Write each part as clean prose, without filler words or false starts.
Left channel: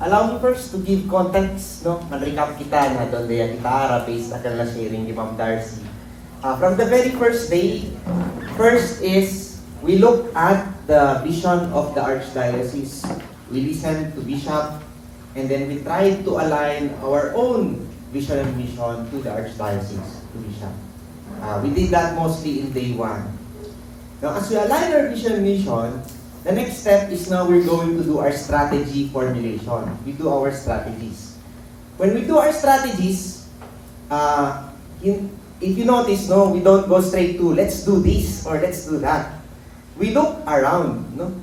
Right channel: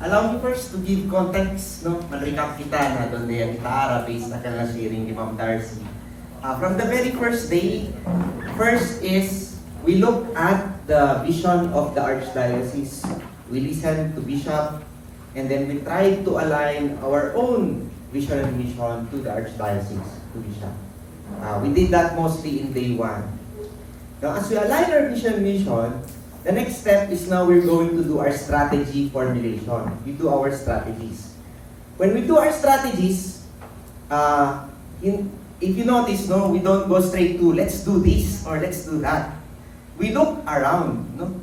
allow me first to give context, no? Man-recap kita na donde yan itaara based na kanila sharing ni Ma'am Darcy. From the very first day, first is we look at the vision of the Archdiocese. We listen to Bishop, and then we try to align our own vision and mission to the Archdiocese, to Bishop. We did that mostly in day one. Now, as we align our vision and mission, the next step is now we're going to do our strategy formulation. We do our strategies. When we do our strategies, if you notice, no, we don't go straight to let's do this or let's do that. We look around, no?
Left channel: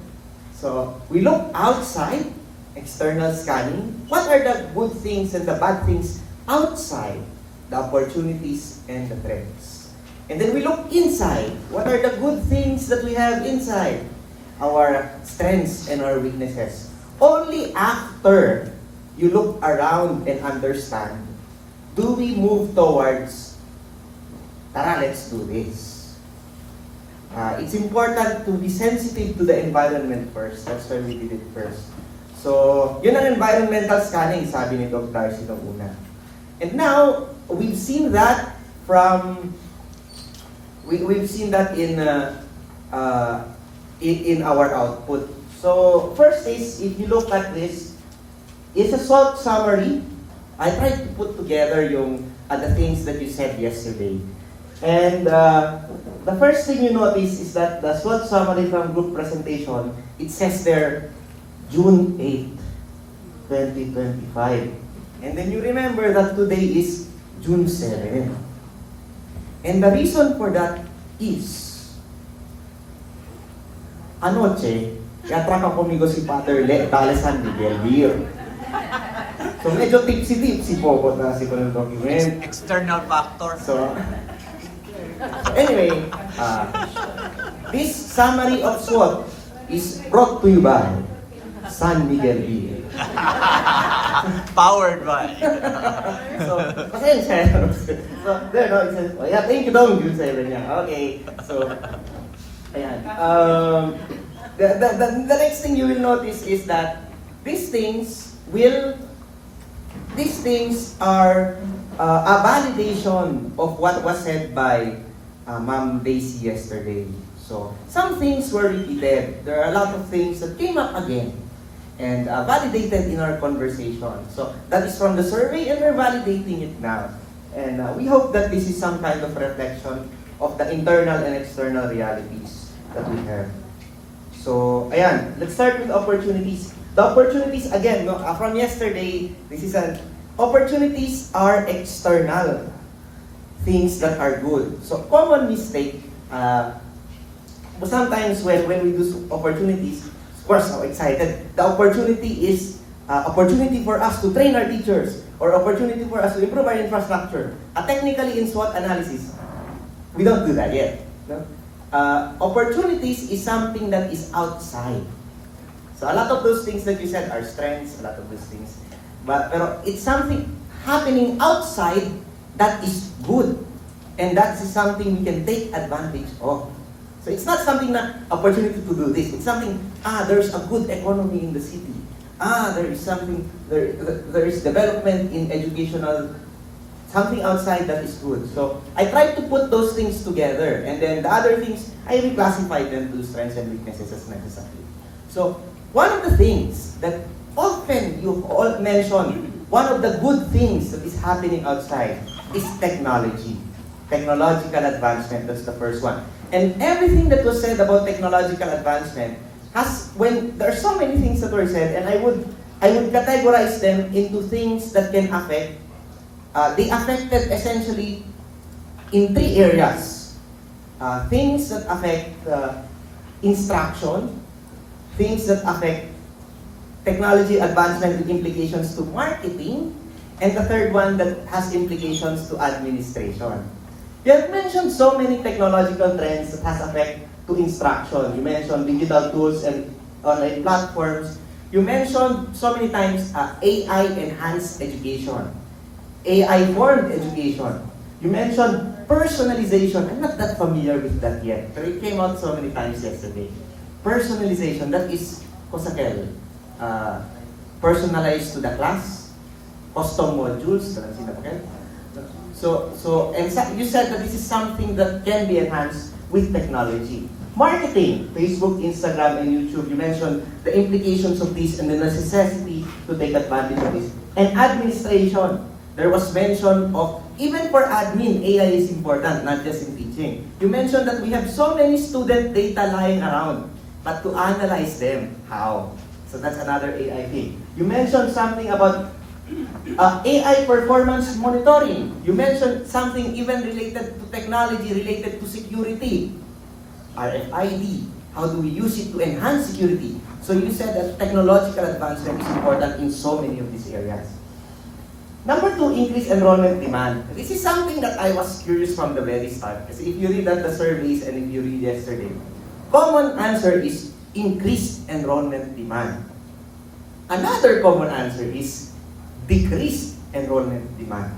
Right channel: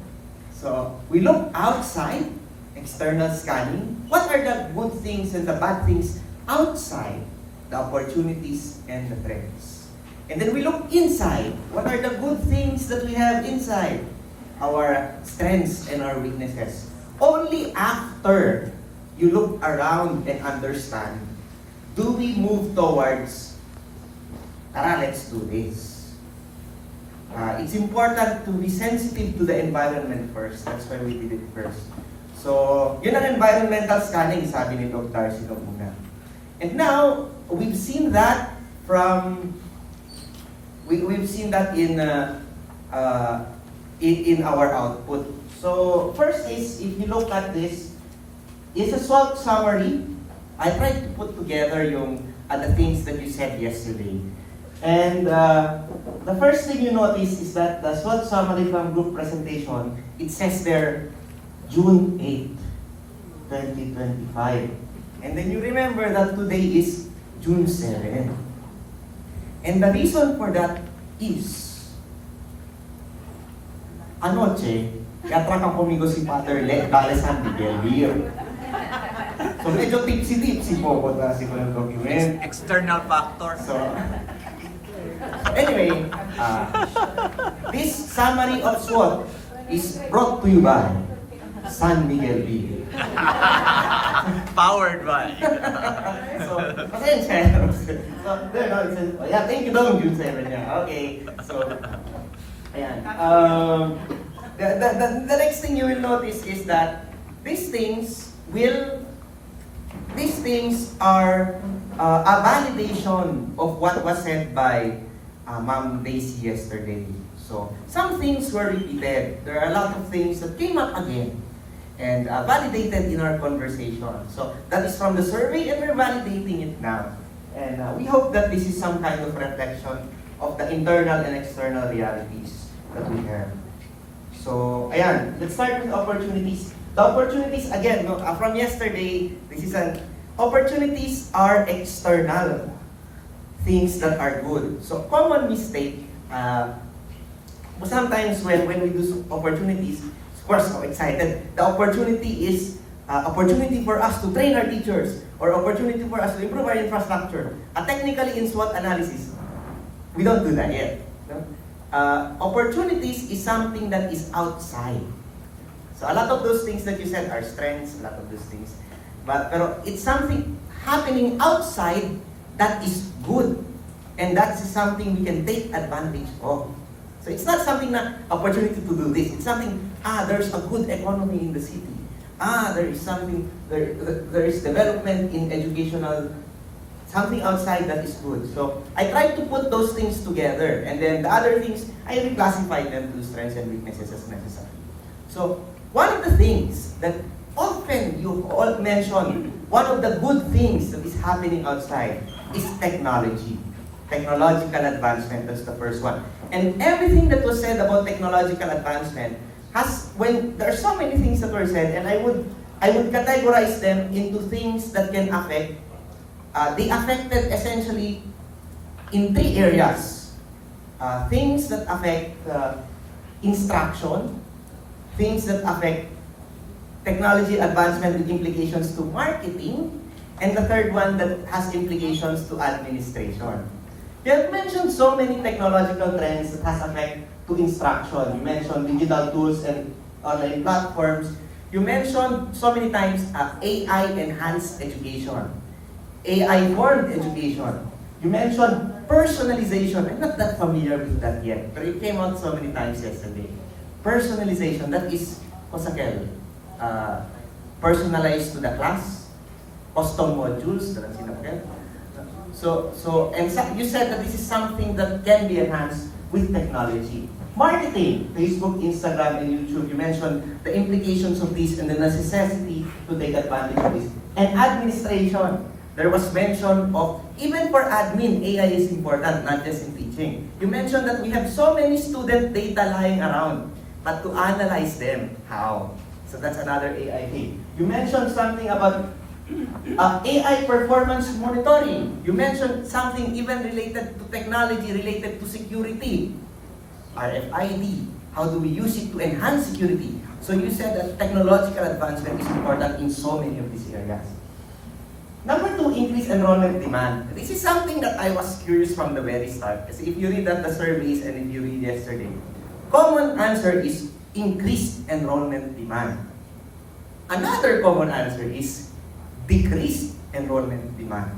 So we look outside, external scanning. What are the good things and the bad things outside, the opportunities and the threats? And then we look inside. What are the good things that we have inside? Our strengths and our weaknesses. Only after you look around and understand, do we move towards, tara, let's do this. It's important to be sensitive to the environment first. That's why we did it first. So, yun ang environmental scanning, sabi ni Dr. Darcy noong una. And now, we've seen that we've seen that in our output. So, first is, if you look at this, it's a SWOT summary. I tried to put together the things that you said yesterday. And the first thing you notice is that the SWOT summary from group presentation, it says there, June 8, 2025. And then you remember that today is June 7. And the reason for that is, anoche, yatrakan komigo si Father Dale San Miguel Dio. So medyo tipsy-tipsy po ko kasi ko ng document. External factor. So, anyway, this summary of SWOT is brought to you by San Miguel Dio. Powered by. So, pasensya. So, there, no, it says, oh yeah, thank you, Dom, June 7 niya. Okay, so, ayan. The next thing you will notice is that these things are a validation of what was said by Ma'am Daisy yesterday. So, some things were repeated. There are a lot of things that came up again and validated in our conversation. So, that is from the survey and we're validating it now. And we hope that this is some kind of reflection of the internal and external realities that we have. So, ayan, let's start with opportunities. The opportunities, again, no, from yesterday, opportunities are external things that are good. So, common mistake, sometimes when we do opportunities, of course, so excited. The opportunity is opportunity for us to train our teachers or opportunity for us to improve our infrastructure. Technically, in SWOT analysis, we don't do that yet. No? Opportunities is something that is outside. So a lot of those things that you said are strengths, a lot of those things. Pero it's something happening outside that is good. And that is something we can take advantage of. So it's not something na opportunity to do this. It's something, there's a good economy in the city. There is something, there is development in educational, something outside that is good. So I tried to put those things together. And then the other things, I reclassified them to strengths and weaknesses as necessary. So one of the things that often you all mention, one of the good things that is happening outside is technology. Technological advancement, that's the first one. And everything that was said about technological advancement when there are so many things that were said, and I would categorize them into things that can affect, they affected essentially in 3 areas. Things that affect instruction, things that affect technology advancement with implications to marketing, and the third one that has implications to administration. You have mentioned so many technological trends that has effect to instruction. You mentioned digital tools and online platforms. You mentioned so many times AI-enhanced education, AI-formed education. You mentioned personalization. I'm not that familiar with that yet, but it came out so many times yesterday. Personalization, that is, Kosakel, personalized to the class, custom modules, you said that this is something that can be enhanced with technology. Marketing, Facebook, Instagram, and YouTube, you mentioned the implications of this and the necessity to take advantage of this. And administration, there was mention of, even for admin, AI is important, not just in teaching. You mentioned that we have so many student data lying around, but to analyze them, how? So that's another AI thing. You mentioned something about AI performance monitoring. You mentioned something even related to technology, related to security. RFID, how do we use it to enhance security? So you said that technological advancement is important in so many of these areas. Number 2, increased enrollment demand. This is something that I was curious from the very start. Kasi if you read the surveys and if you read yesterday, common answer is increased enrollment demand. Another common answer is decreased enrollment demand.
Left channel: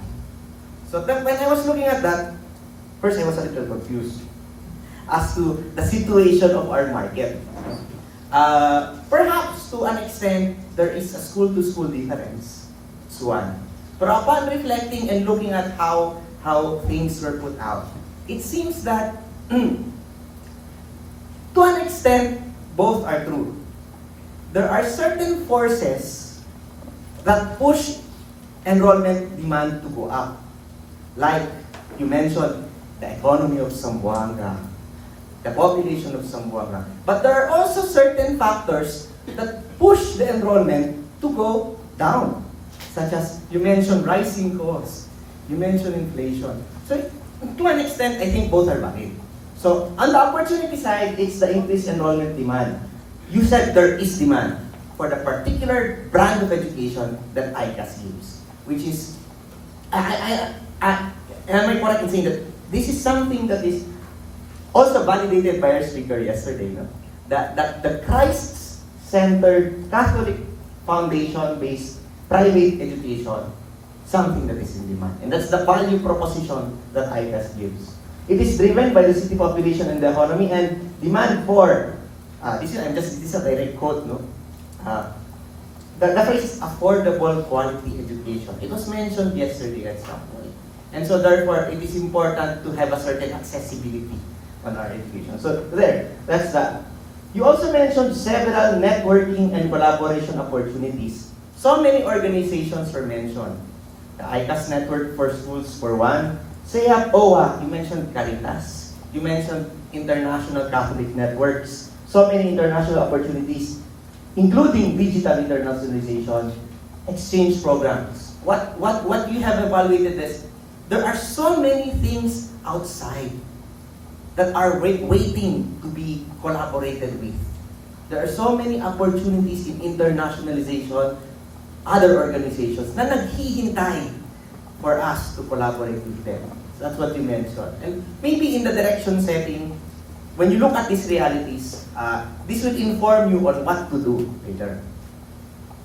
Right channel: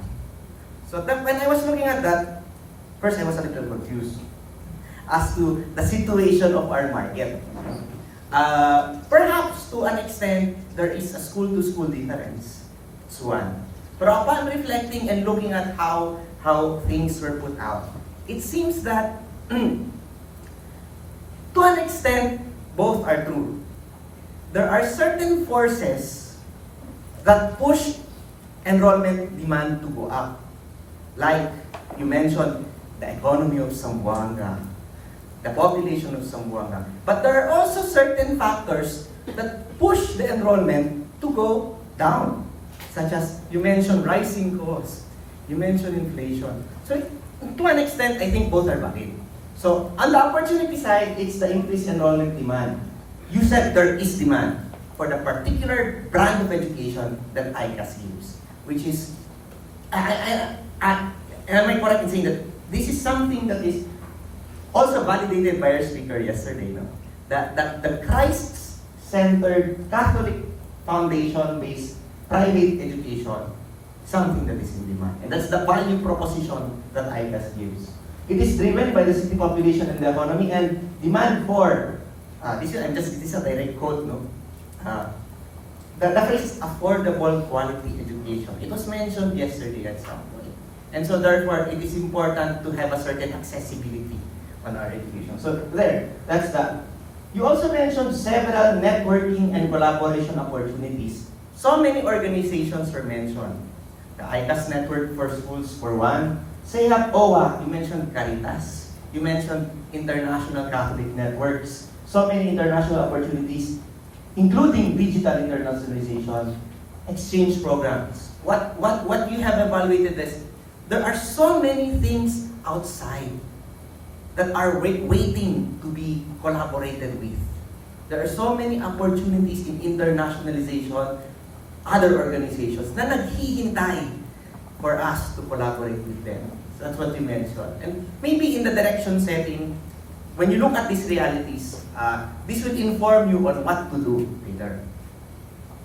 So that when I was looking at that, first I was a little confused as to the situation of our market. Perhaps to an extent, there is a school-to-school difference. It's one. But upon reflecting and looking at how things were put out, it seems that to an extent, both are true. There are certain forces that push enrollment demand to go up. Like you mentioned, the economy of Zamboanga, the population of Zamboanga. But there are also certain factors that push the enrollment to go down. Such as, you mentioned rising costs, you mentioned inflation. So, to an extent, I think both are valid. So, on the opportunity side, it's the increased enrollment demand. You said there is demand for the particular brand of education that ICAS gives, which is, am I correct in saying that this is something that is also validated by our speaker yesterday, no? That the Christ-centered Catholic foundation-based private education, something that is in demand. And that's the value proposition that ICAS gives. It is driven by the city population and the economy, and demand for, this is a direct quote, no? The phrase affordable quality education. It was mentioned yesterday at some point. And so therefore, it is important to have a certain accessibility on our education. So there, that's that. You also mentioned several networking and collaboration opportunities. So many organizations were mentioned. The ICAS Network for Schools for one. SEAP OWA, you mentioned Caritas. You mentioned international Catholic networks. So many international opportunities, including digital internationalization, exchange programs. What you have evaluated is, there are so many things outside that are waiting to be collaborated with. There are so many opportunities in internationalization, other organizations na naghihintay for us to collaborate with them. So that's what you mentioned. And maybe in the direction setting, when you look at these realities, this will inform you on what to do later.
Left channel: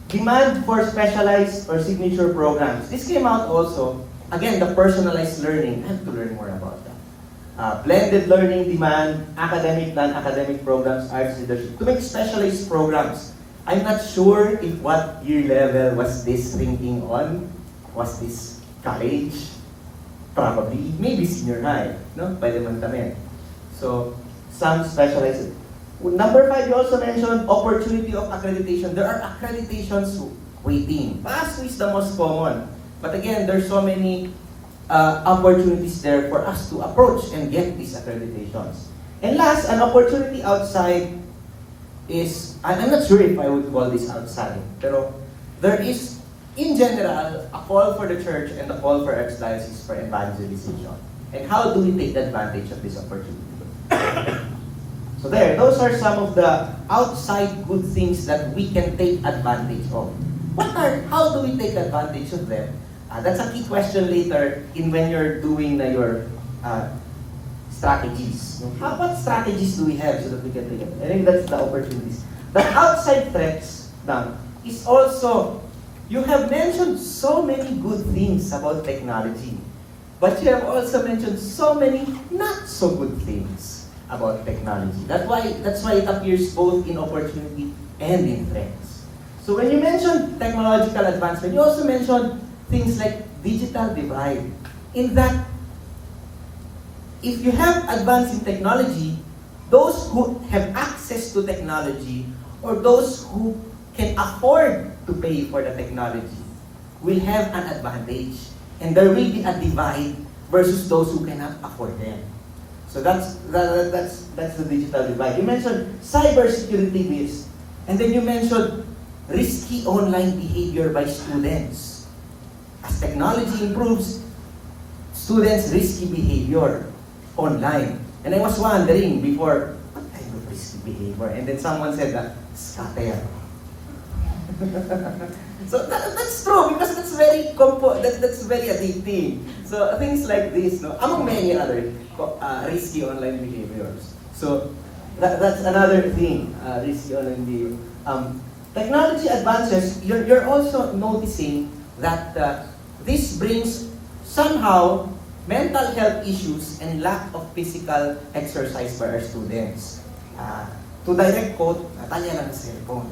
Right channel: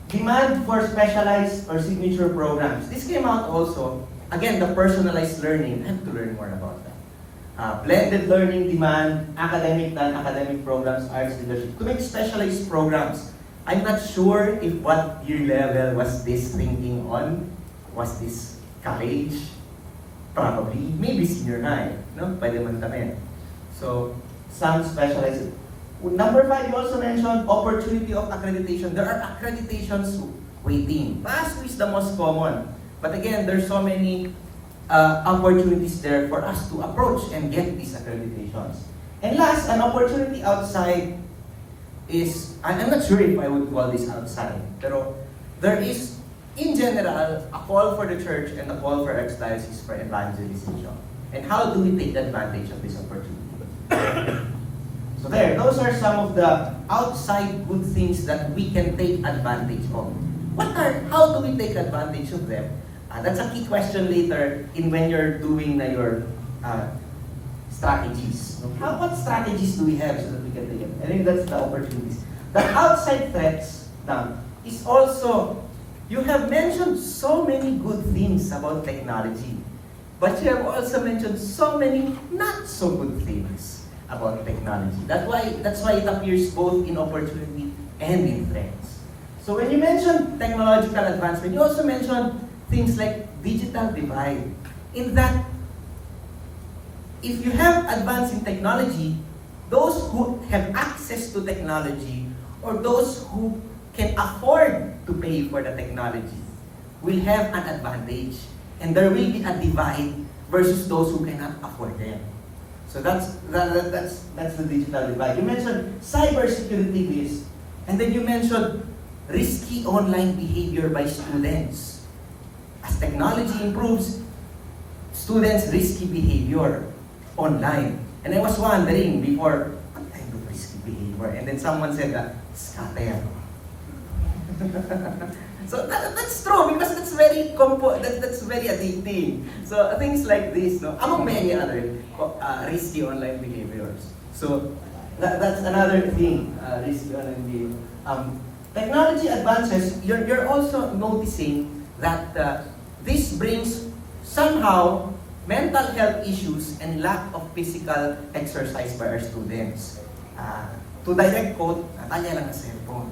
Demand for specialized or signature programs. This came out also, again, the personalized learning. I have to learn more about that. Blended learning demand, academic, non-academic programs, arts leadership. To make specialized programs. I'm not sure if what year level was this thinking on. Was this college? Probably. Maybe senior high. No? Pwede man tamin. So, some specialized. Number 5, you also mentioned opportunity of accreditation. There are accreditations waiting. PASO is the most common. But again, there's so many opportunities there for us to approach and get these accreditations. And last, an opportunity outside is, I'm not sure if I would call this outside, pero there is, in general, a call for the church and a call for ex-diocese for evangelization. And how do we take advantage of this opportunity? So there, those are some of the outside good things that we can take advantage of. How do we take advantage of them? That's a key question later in when you're doing your strategies. What strategies do we have so that we can take it? I think that's the opportunities. The outside threats now is also, you have mentioned so many good things about technology, but you have also mentioned so many not so good things about technology. That's why it appears both in opportunity and in threats. So when you mention technological advancement, you also mention things like digital divide. In that, if you have advance in technology, those who have access to technology or those who can afford to pay for the technology will have an advantage. And there will be a divide versus those who cannot afford them. So that's the digital divide. You mentioned cybersecurity risk, and then you mentioned risky online behavior by students. As technology improves, students' risky behavior online. And I was wondering before, what kind of risky behavior? And then someone said that, scatter. So that's true because that's very addicting. So things like this, no, among many other risky online behaviors. So that's another thing, risky online behavior. Technology advances. You're also noticing that this brings somehow mental health issues and lack of physical exercise by our students. To direct quote, natanya lang sa cellphone.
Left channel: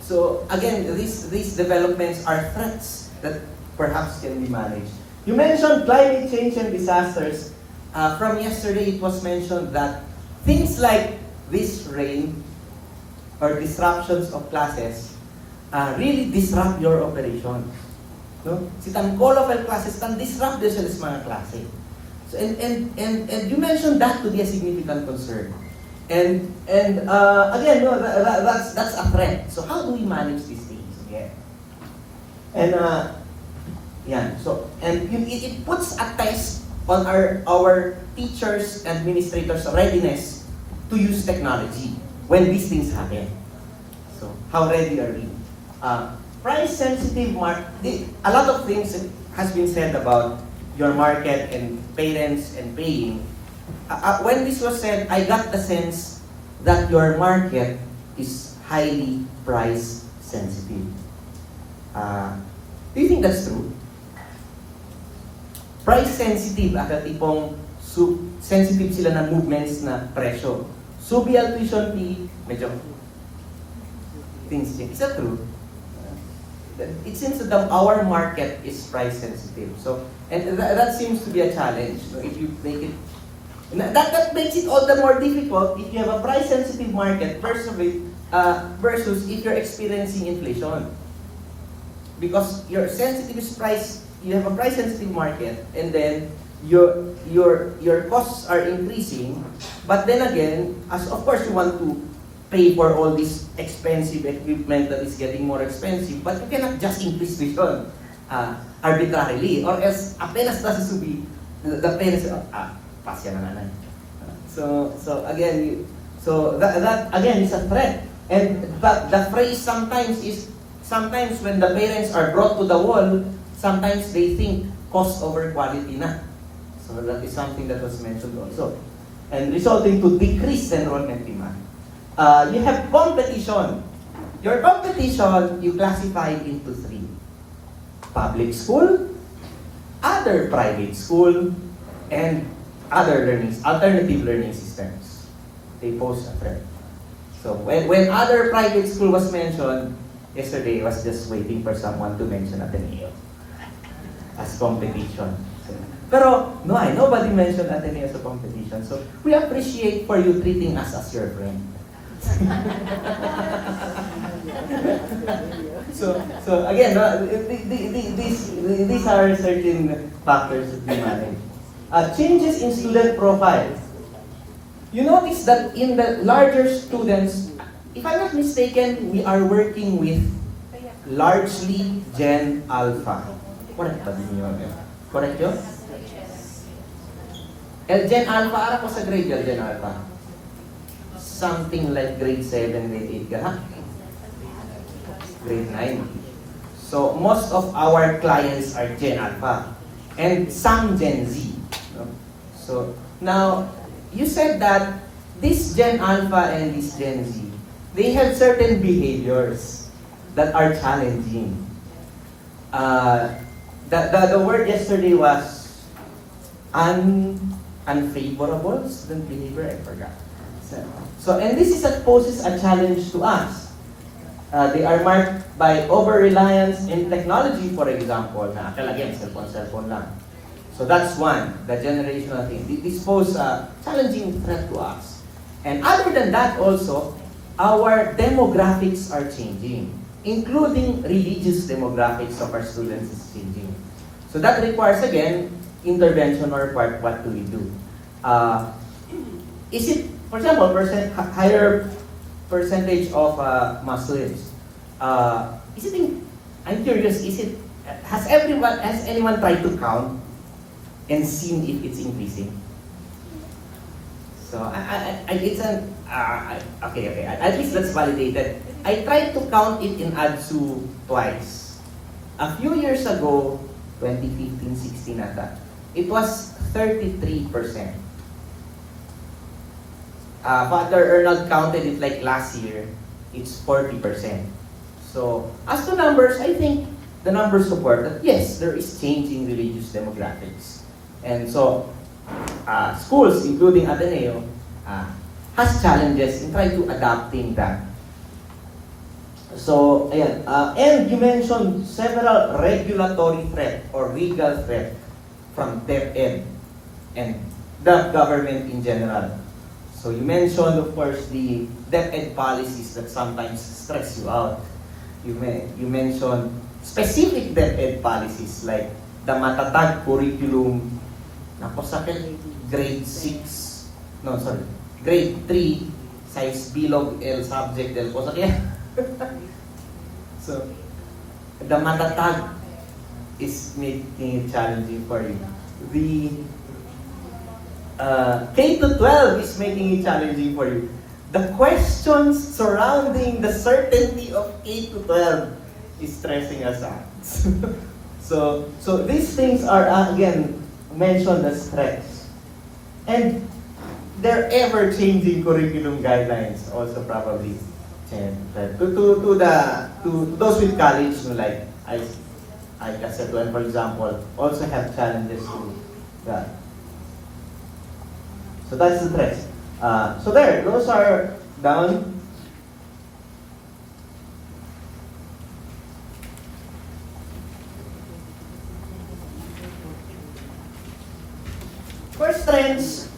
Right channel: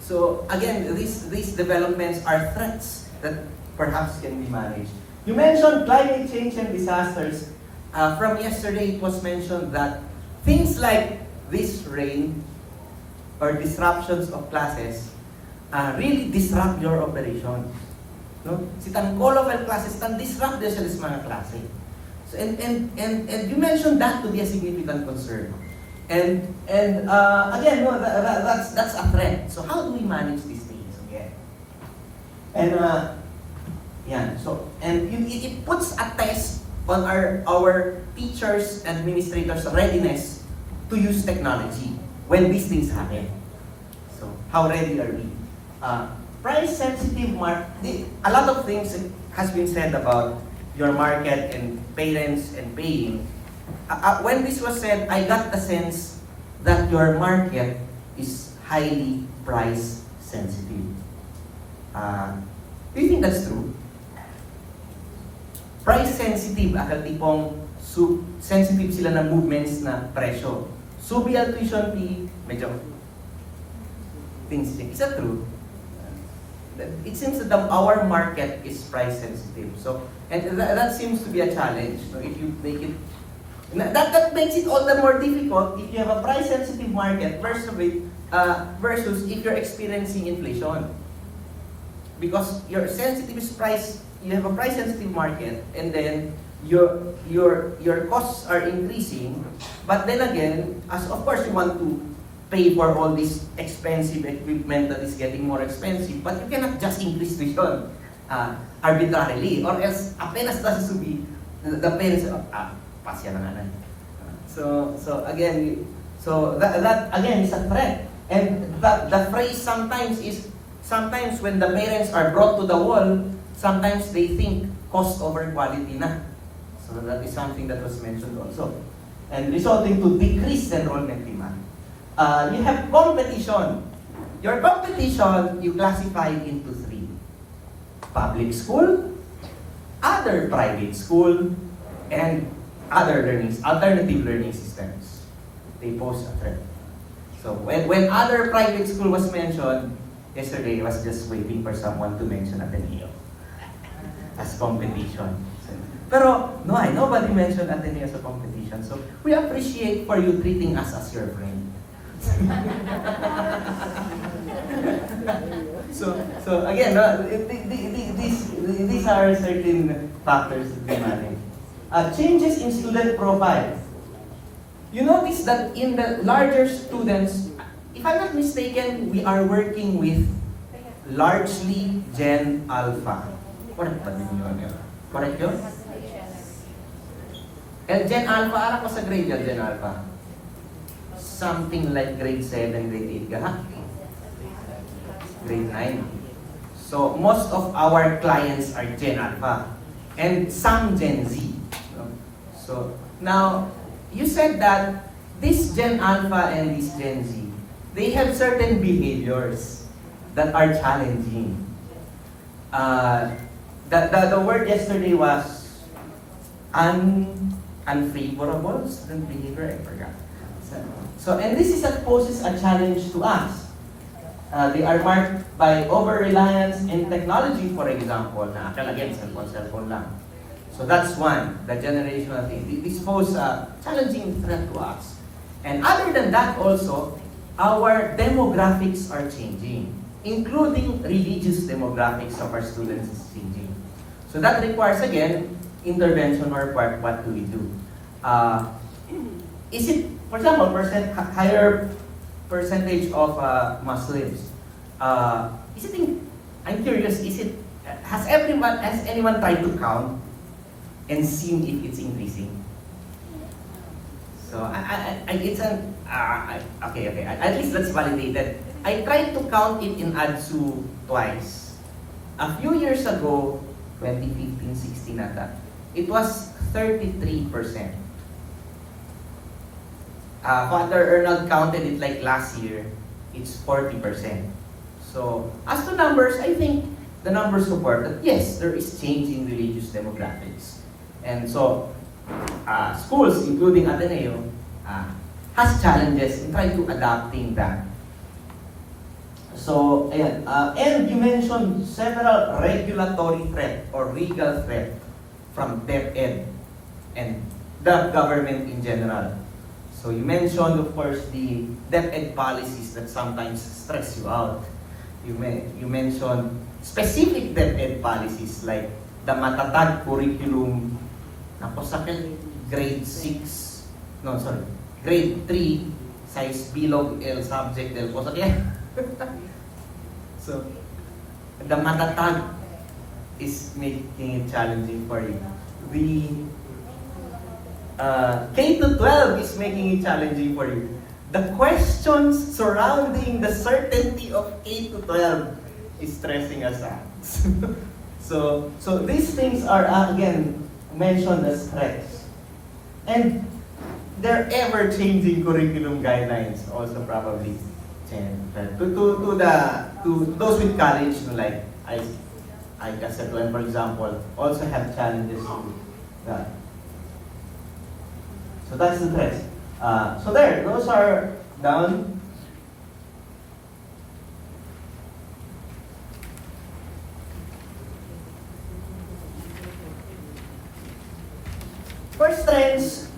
So again, these developments are threats that perhaps can be managed. You mentioned climate change and disasters. From yesterday, it was mentioned that things like this rain or disruptions of classes really disrupt your operation. No? Si tan call-off classes, tan disrupt din sa mga klase. So, and you mentioned that to be a significant concern. And again, no, that's a threat. So how do we manage these things again? And yeah, so and it puts a test on our teachers, administrators' readiness to use technology when these things happen. So how ready are we? Price sensitive market. A lot of things has been said about your market and parents and paying. When this was said, I got the sense that your market is highly price sensitive. Do you think that's true? Price sensitive, tipong sensitive sila ng movements na presyo. Subial tuition fee, medyo things change. Is that true? It seems that our market is price sensitive. So, and that seems to be a challenge. So if you make it that makes it all the more difficult if you have a price-sensitive market versus if you're experiencing inflation. Because your sensitive is price, you have a price-sensitive market, and then your costs are increasing. But then again, as of course you want to pay for all this expensive equipment that is getting more expensive, but you cannot just increase tuition arbitrarily, or else apenas nasusubi, the parents pasya na naman. So again, that again is a threat. And the phrase sometimes when the parents are brought to the wall, sometimes they think cost over quality na. So that is something that was mentioned also. And resulting to decreased enrollment demand. You have competition. Your competition, you classify into three. Public school, other private school, and alternative learning systems. They pose a threat. So when other private school was mentioned, yesterday I was just waiting for someone to mention Ateneo as competition. So, pero no, nobody mentioned Ateneo as a competition. So we appreciate for you treating us as your friend. So again, these are certain factors that we manage. Changes in student profile. You notice that in the larger students, if I'm not mistaken, we are working with largely Gen Alpha. Correct ba din yun? Correct yun? Gen Alpha, ara ko sa grade yun, Gen Alpha? Something like grade 7, grade 8 ka, grade 9. So most of our clients are Gen Alpha and some Gen Z. So now, you said that this Gen Alpha and this Gen Z, they have certain behaviors that are challenging. The word yesterday was unfavorable student behavior, I forgot. So and this poses a challenge to us. They are marked by over-reliance in technology, for example, na kalagyan cellphone lang. So that's one, the generational thing. This pose a challenging threat to us. And other than that also, our demographics are changing, including religious demographics of our students is changing. So that requires, again, intervention or what do we do? Is it, for example, higher percentage of Muslims? I'm curious, has anyone tried to count and seen if it's increasing? So, okay, at least that's validated. I tried to count it in ADSU twice. A few years ago, 2015-16 ata, it was 33%. Father Arnold counted it like last year, it's 40%. So, as to numbers, I think the numbers support that yes, there is change in religious demographics. And so, schools, including Ateneo, has challenges in trying to adapting that. So, ayan. And you mentioned several regulatory threat or legal threat from DepEd and the government in general. So you mentioned, of course, the DepEd policies that sometimes stress you out. You mentioned specific DepEd policies like the Matatag curriculum, grade 6, grade 3, size bilog L subject del posakyan. So, the Matatag is making it challenging for you. The K-12 is making it challenging for you. The questions surrounding the certainty of K-12 is stressing us out. So these things are again mentioned as threats. And their ever-changing curriculum guidelines also probably change. To those with college, like I guess, for example, also have challenges to that. So that's the threats. So there, those are down. For strengths,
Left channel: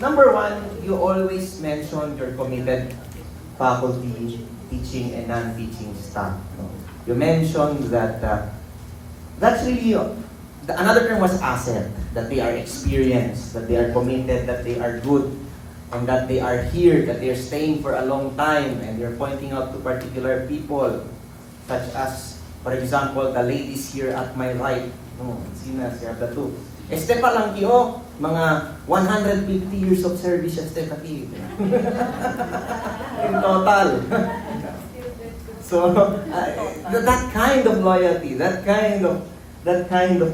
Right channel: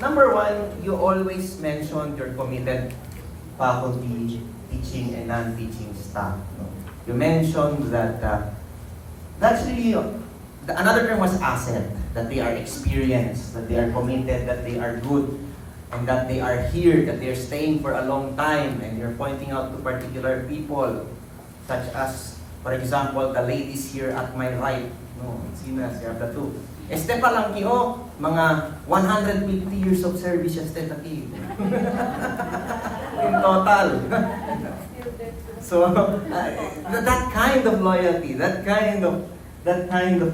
number one, you always mention your committed faculty, teaching and non-teaching staff. No? You mentioned that that's really another term was asset, that they are experienced, that they are committed, that they are good, and that they are here, that they are staying for a long time, and you're pointing out to particular people, such as, for example, the ladies here at my right. Sina siya the two. Este pa lang kiyo, mga 150 years of service este pa kiyo. In total. So, that kind of loyalty, that kind of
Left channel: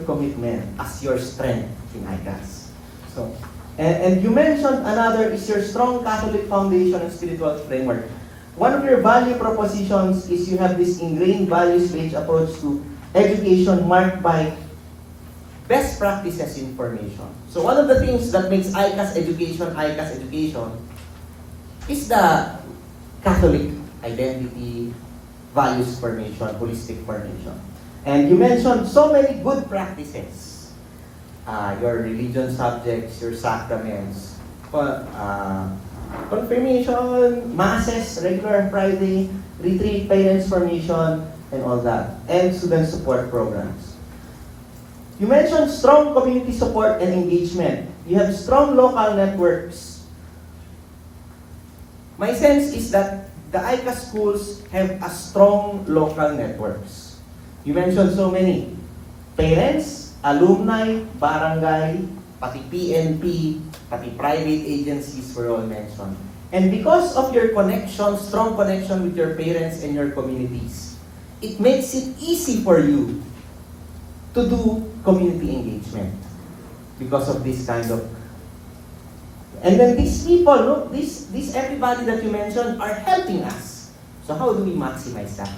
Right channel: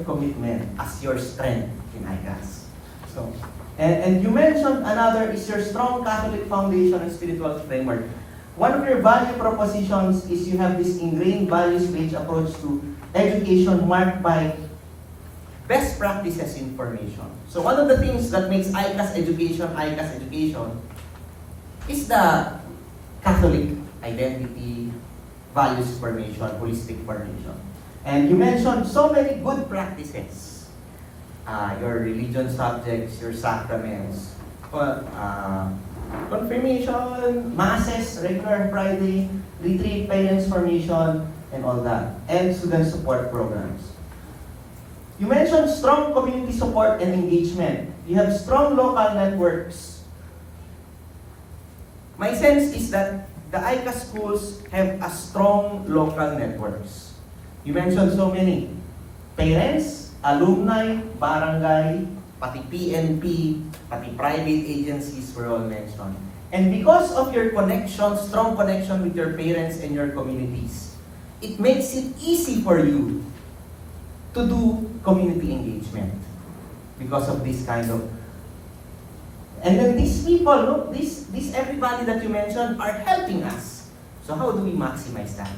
commitment as your strength in ICAS. So, and you mentioned another is your strong Catholic foundation and spiritual framework. One of your value propositions is you have this ingrained values-based approach to education marked by best practices information. So one of the things that makes ICAS education is the Catholic identity, values formation, holistic formation. And you mentioned so many good practices. Your religion subjects, your sacraments, confirmation, masses, regular Friday, retreat, parents formation, and all that. And student support programs. You mentioned strong community support and engagement. You have strong local networks. My sense is that the ICAS schools have a strong local networks. You mentioned so many. Parents, alumni, barangay, pati PNP, pati private agencies were all mentioned. And because of your connection, strong connection with your parents and your communities, it makes it easy for you to do community engagement because of this kind of. And then these people, this everybody that you mentioned are helping us. So how do we maximize that?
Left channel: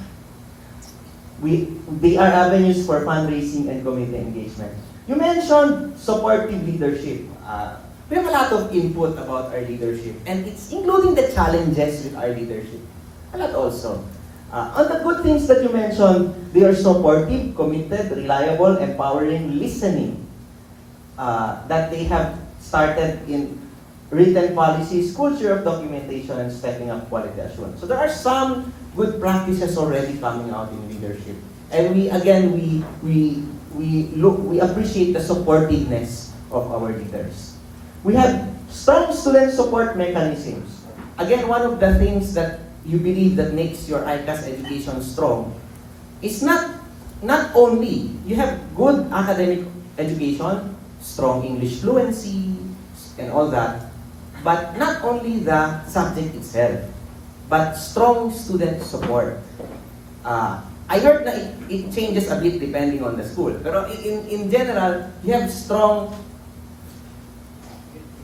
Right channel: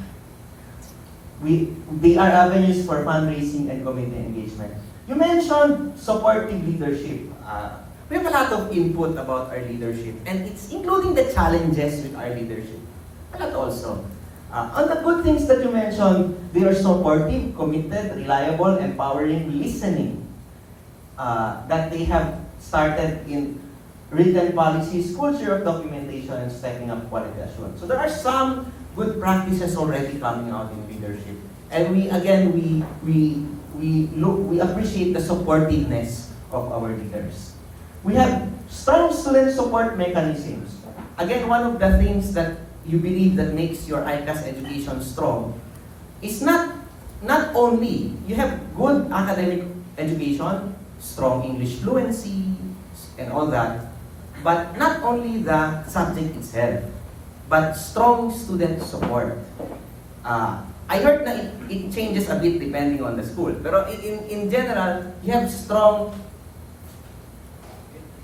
They are avenues for fundraising and community engagement. You mentioned supportive leadership. We have a lot of input about our leadership, and it's including the challenges with our leadership. A lot also. On the good things that you mentioned, they are supportive, committed, reliable, empowering, listening. That they have started in written policies, culture of documentation, and stepping up quality assurance. So there are some good practices already coming out in leadership. And we appreciate the supportiveness of our leaders. We have strong student support mechanisms. Again, one of the things that you believe that makes your ICAS education strong is not only you have good academic education, strong English fluency, and all that, but not only the subject itself, but strong student support. I heard that it changes a bit depending on the school, pero in general, you have strong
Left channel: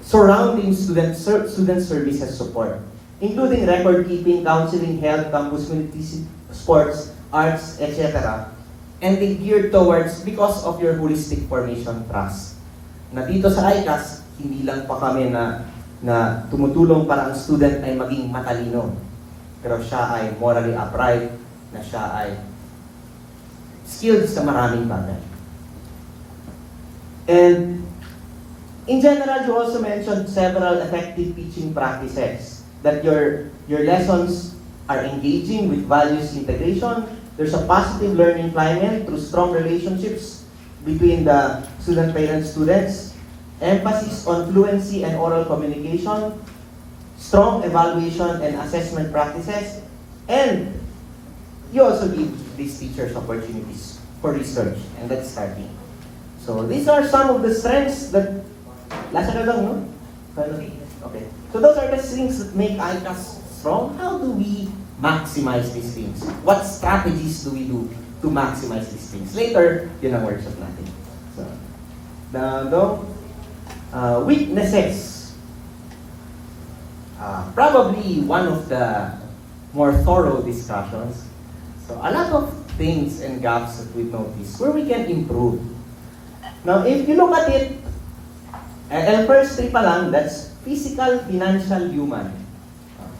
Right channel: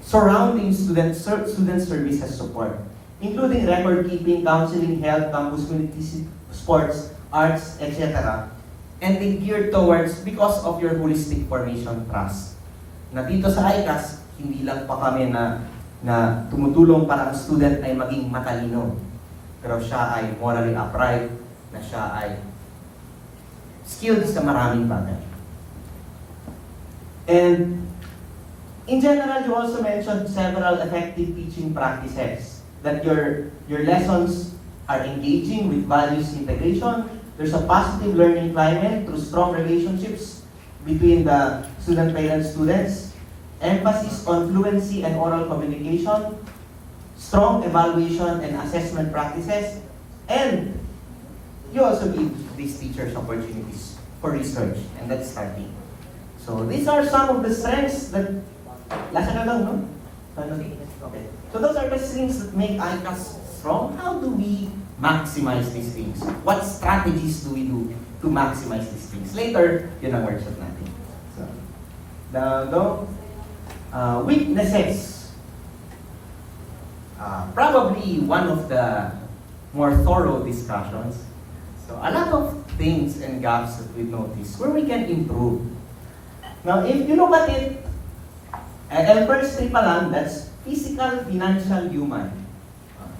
surrounding student services support, including record keeping, counseling, health, campus community, sports, arts, etc. And they geared towards because of your holistic formation trust. Na dito sa ICAS, hindi lang pa kami na tumutulong para ang student ay maging matalino, pero siya ay morally upright, na siya ay skilled sa maraming bagay. And in general, you also mentioned several effective teaching practices, that your lessons are engaging with values integration. There's a positive learning climate through strong relationships between the student, parents, students, emphasis on fluency and oral communication, strong evaluation and assessment practices, and you also give these teachers opportunities for research, and that's starting. So these are some of the strengths that, last na lang, no? Okay. So those are the things that make ICAS strong. How do we maximize these things? What strategies do we do to maximize these things? Later, yun ang workshop natin. So, weaknesses. Probably one of the more thorough discussions. So a lot of things and gaps that we've noticed where we can improve. Now, if you look at it, and first three pa lang, that's physical, financial, human.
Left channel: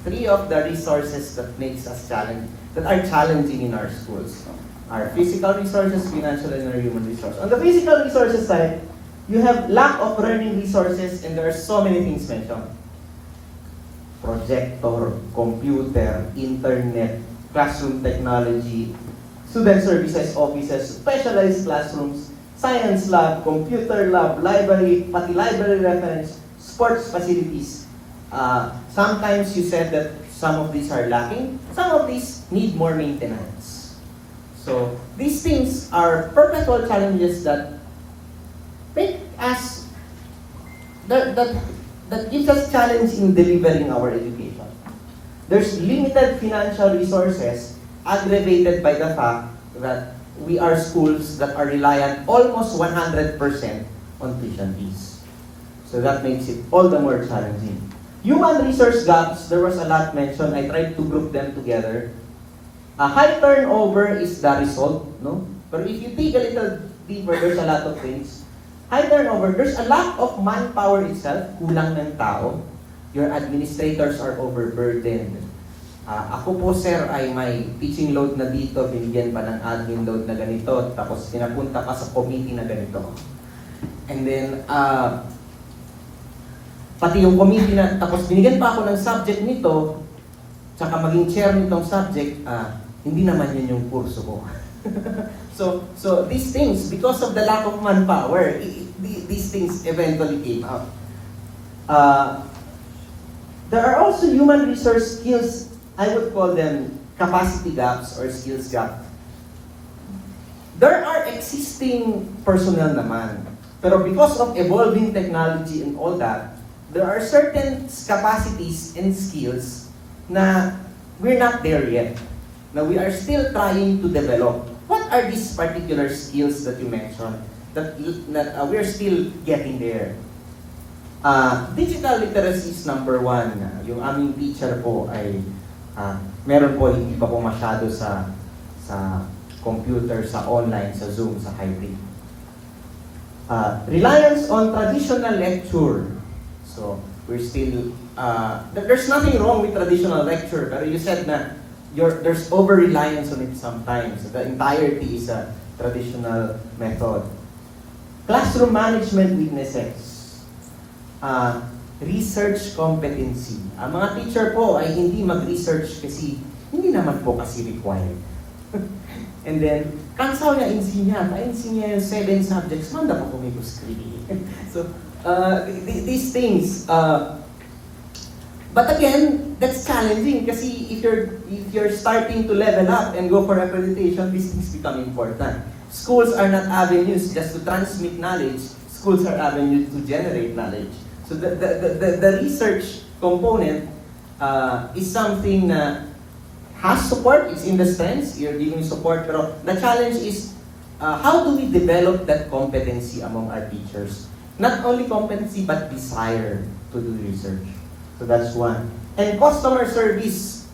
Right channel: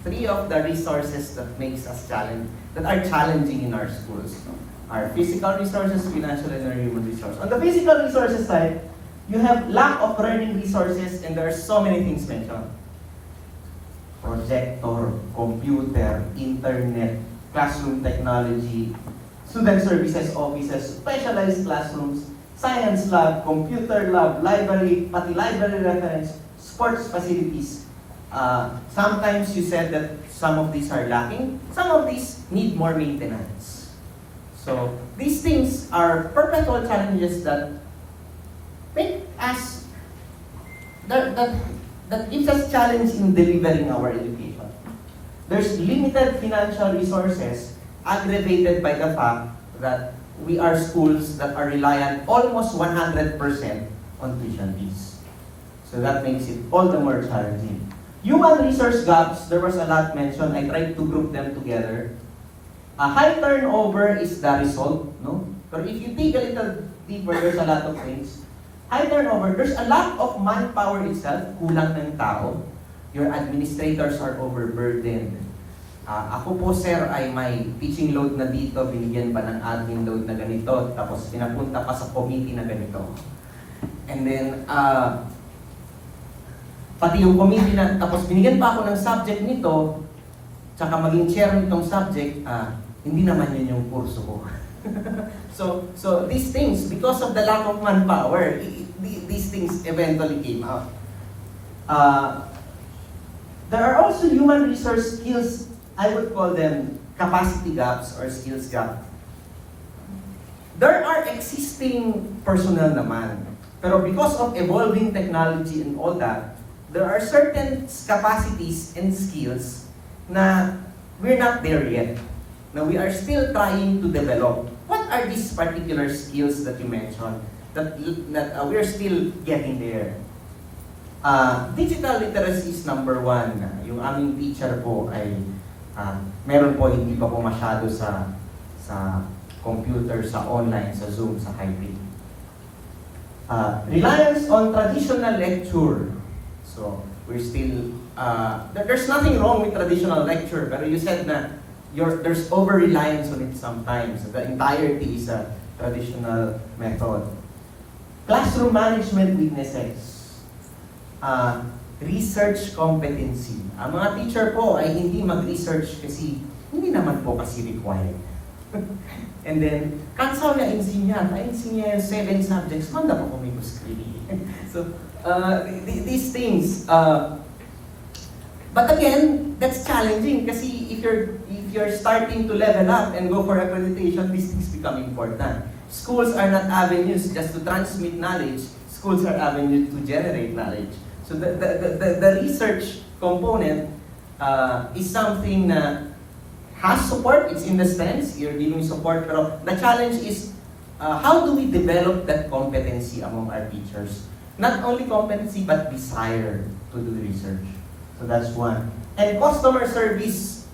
Three of the resources that makes us that are challenging in our schools. Our physical resources, financial, and our human resources. On the physical resources side, you have lack of learning resources, and there are so many things mentioned. Projector, computer, internet, classroom technology, student services offices, specialized classrooms, science lab, computer lab, library, pati library reference, sports facilities. Sometimes you said that some of these are lacking, some of these need more maintenance. So these things are perpetual challenges that make us, that gives us challenge in delivering our education. There's limited financial resources aggravated by the fact that we are schools that are reliant almost 100% on tuition fees. So that makes it all the more challenging. Human resource gaps, there was a lot mentioned. I tried to group them together. A high turnover is the result, no? But if you dig a little deeper, there's a lot of things. High turnover, there's a lack of manpower itself, kulang ng tao. Your administrators are overburdened. Ako po sir ay may teaching load na dito, binigyan pa ng admin load na ganito, tapos pinapunta pa sa committee na ganito. And then, pati yung committee na, tapos binigyan pa ako ng subject nito, tsaka maging chair nitong subject, hindi naman yun yung kurso ko. So these things, because of the lack of manpower, these things eventually came out. There are also human resource skills, I would call them capacity gaps or skills gap. There are existing personnel naman, pero because of evolving technology and all that, there are certain capacities and skills na we're not there yet. Now we are still trying to develop. What are these particular skills that you mentioned that we're still getting there? Digital literacy is number one. Yung aming teacher po ay meron po hindi pa po masyado sa computer, sa online, sa Zoom, sa hybrid. Reliance on traditional lecture. So we're still there's nothing wrong with traditional lecture, pero you said na there's over-reliance on it sometimes. The entirety is a traditional method. Classroom management weaknesses. Research competency. Ang mga teacher po ay hindi mag-research kasi hindi naman po kasi required. And then, kansaw na ensinya 7 subjects, manda po kung So, these things, but again, that's challenging kasi if you're starting to level up and go for accreditation, these things become important. Schools are not avenues just to transmit knowledge. Schools are avenues to generate knowledge. So the research component is something na has support. It's in the stance, you're giving support. Pero the challenge is how do we develop that competency among our teachers? Not only competency but desire to do research. So that's one. And customer service.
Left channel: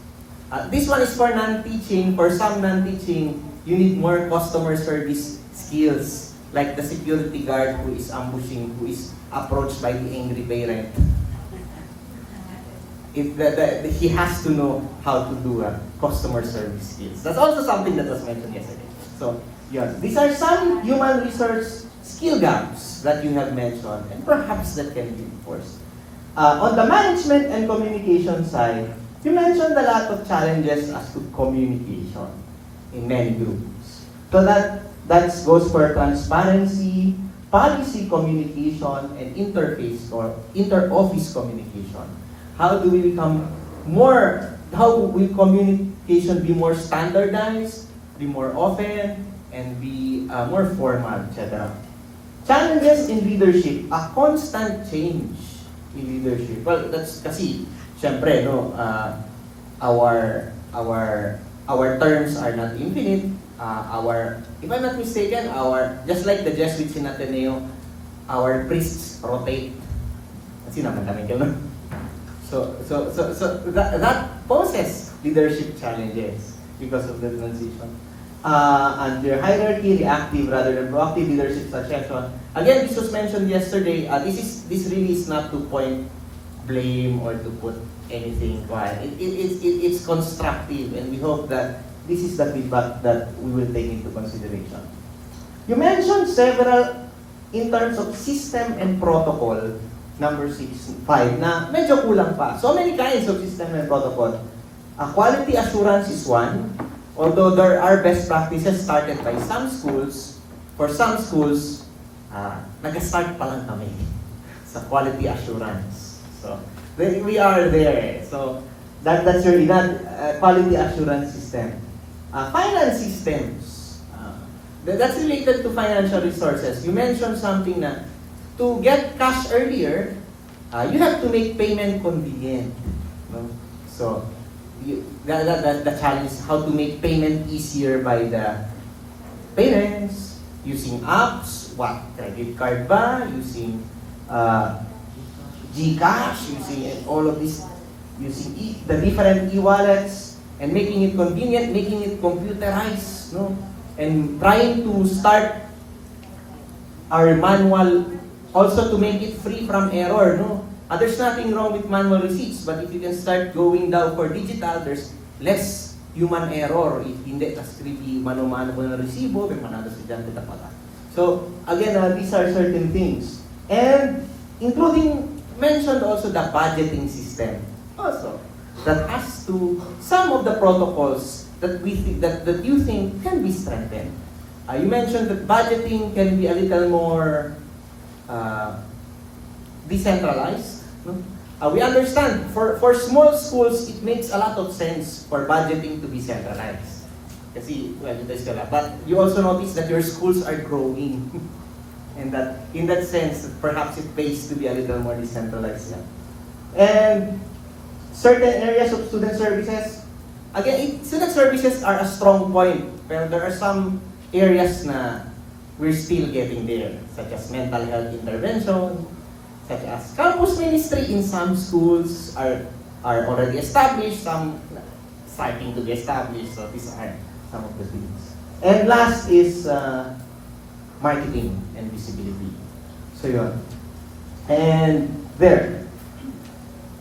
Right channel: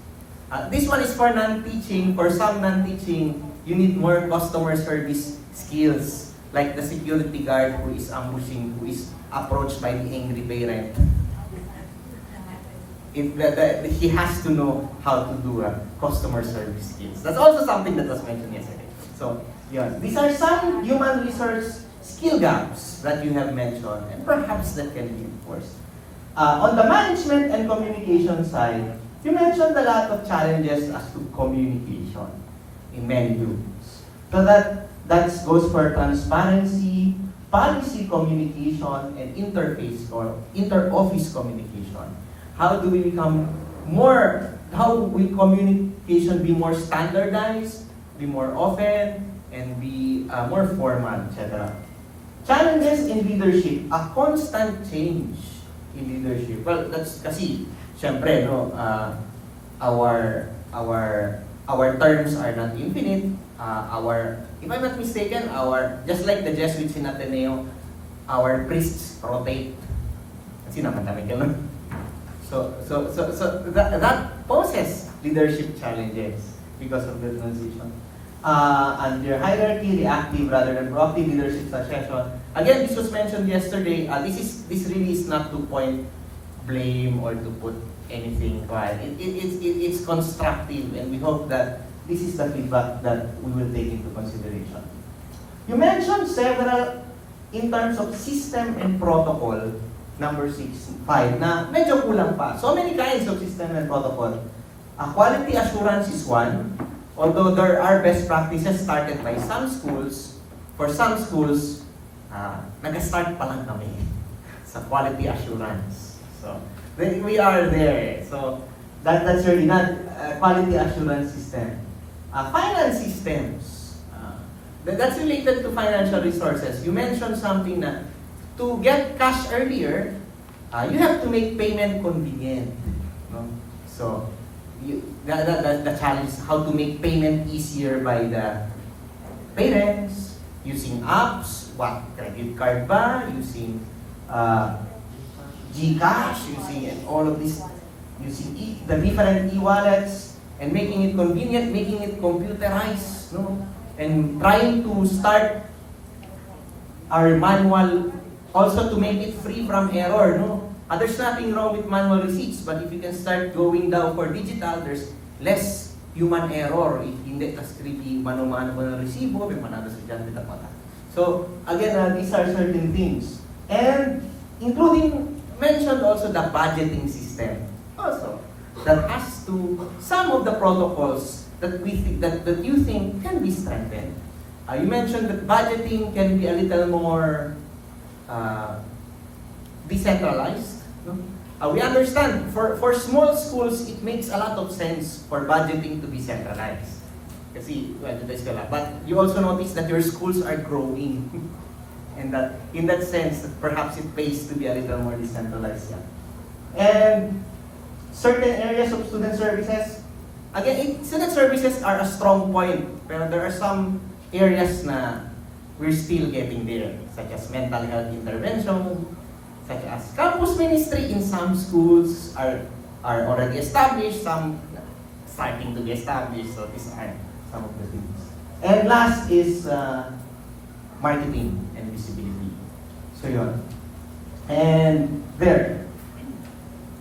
This one is for non-teaching. For some non-teaching, you need more customer service skills. Like the security guard who is ambushing, who is approached by the angry parent. He has to know how to do customer service skills. That's also something that was mentioned yesterday. So, yeah, these are some human resource skill gaps that you have mentioned, and perhaps that can be enforced. On the management and communication side, you mentioned a lot of challenges as to communication in many groups. So that goes for transparency, policy communication, and interface or inter-office communication. How do we become more, how will communication be more standardized, be more often, and be more formal, etc. Challenges in leadership, a constant change in leadership. Well, that's kasi, syempre, no, our terms are not infinite. If I'm not mistaken, just like the Jesuits in Ateneo, our priests rotate. Kasi naman kami ganun. So that poses leadership challenges because of the transition. Under hierarchy, reactive rather than proactive leadership succession. Again, this was mentioned yesterday. This really is not to point blame or to put anything quiet. It's constructive, and we hope that this is the feedback that we will take into consideration. You mentioned several in terms of system and protocol, number 5, na medyo kulang pa. So many kinds of system and protocol. Quality assurance is one, although there are best practices started by some schools. For some schools, nag-start pa lang kami sa quality assurance. So, we are there. So, that's really not quality assurance system. Finance systems. That's related to financial resources. You mentioned something na to get cash earlier, you have to make payment convenient. No? So, the challenge is how to make payment easier by the parents, using apps, credit card ba, using GCash, using all of this, using the different e-wallets, and making it convenient, making it computerized, no? And trying to start our manual, also to make it free from error, no? There's nothing wrong with manual receipts, but if you can start going down for digital, there's less human error. If hindi, tas creepy, mano-mano mo ng resibo, may manado sa dyan, kita pala. So, again, these are certain things. And, including, mentioned also the budgeting system. Also, that has to, some of the protocols that we think, that you think can be strengthened. You mentioned that budgeting can be a little more decentralized. No? We understand, for small schools, it makes a lot of sense for budgeting to be centralized. Kasi, well, but you also notice that your schools are growing. And that, in that sense, perhaps it pays to be a little more decentralized. Yeah. And certain areas of student services, again, student services are a strong point, but there are some areas na we're still getting there, such as mental health intervention, such as campus ministry in some schools are already established, some starting to be established, so these are some of the things. And last is marketing and visibility. So yun. And there,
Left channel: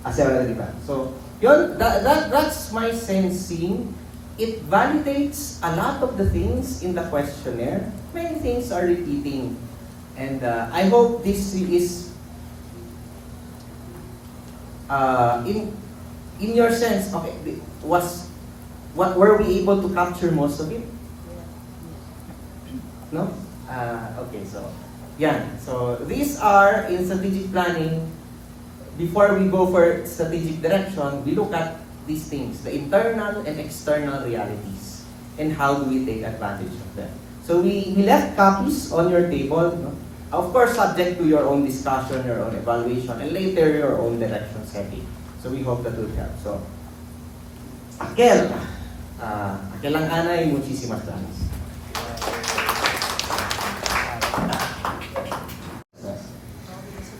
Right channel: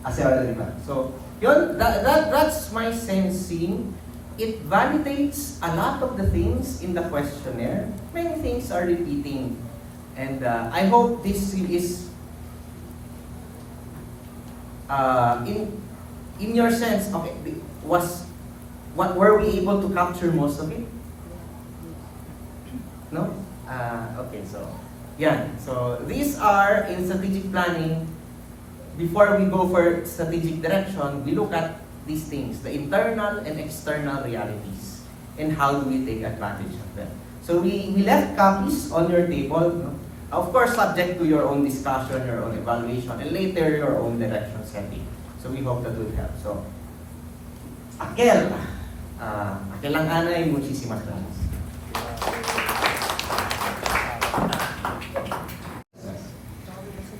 so That's my sensing. It validates a lot of the things in the questionnaire. Many things are repeating. And I hope this is in your sense, okay, were we able to capture most of it? No? Okay, so yeah. So these are in strategic planning. Before we go for strategic direction, we look at these things, the internal and external realities, and how do we take advantage of them. So we left copies on your table, no? Of course subject to your own discussion, your own evaluation, and later your own direction setting. So we hope that will help. So, Akel ang anay, muchísimas gracias.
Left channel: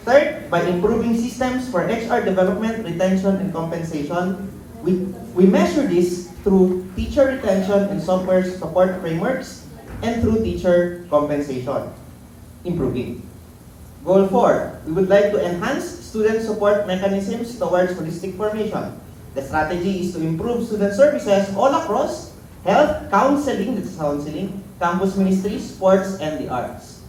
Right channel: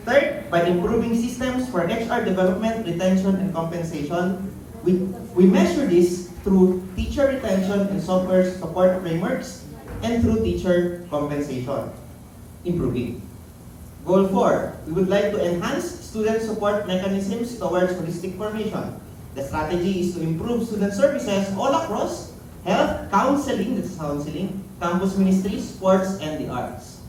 Third, by improving systems for HR development, retention, and compensation, we measure this through teacher retention and software support frameworks and through teacher compensation. Improving. Goal 4, we would like to enhance student support mechanisms towards holistic formation. The strategy is to improve student services all across health, counseling, campus ministry, sports, and the arts.